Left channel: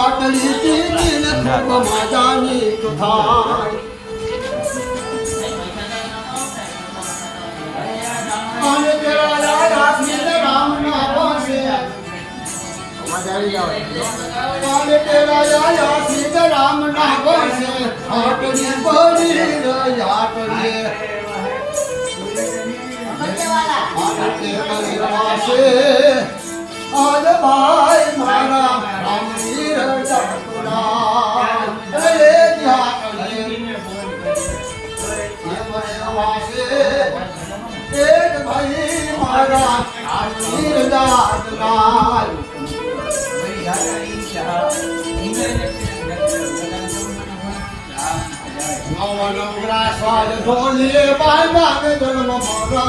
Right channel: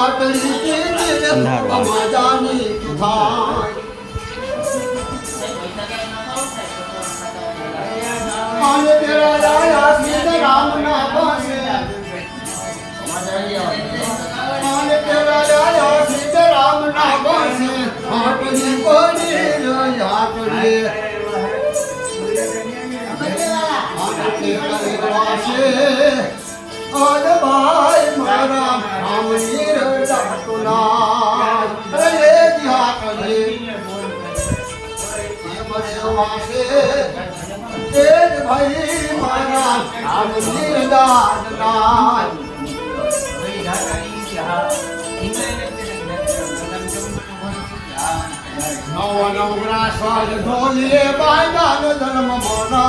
આટલી ચીજ ખૂબ મજાની તું થાય અને તેરા આયા સીધે રામ ના પાસે અને તેરા આયા સીધે રામ ના પાસે આટલી પડી રહ્યા કરીએ आज भाई मारा रामनी रजा तुला रे दिया करे ये मरे मासे एक भाई मारा रामनी रजा तुला नव नवग्रास वाले ढोलिए बांधा ने जन्म मरना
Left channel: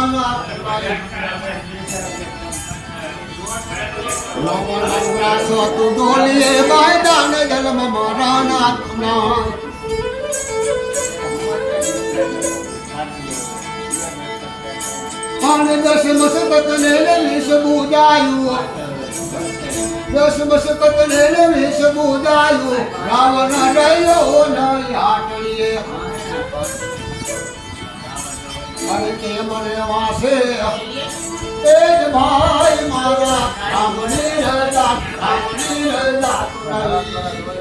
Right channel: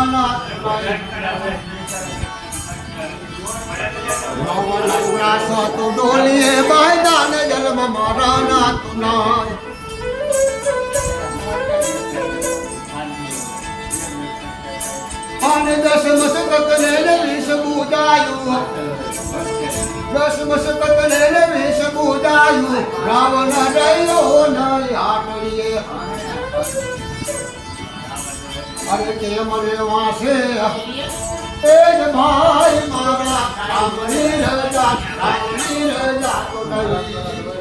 नव नवग्रास तू ढोलिए बांधा ने जन्म मरना तुना અને દસ મસ્કત ને વિષ બુજાયું દસ મસ્કત ને વિષ બુજાયું રાવણ ડર્યો ન હાટલીએ અને તે મને વાસે એ જ ભાઈ મારા રામની રજા તો નહીં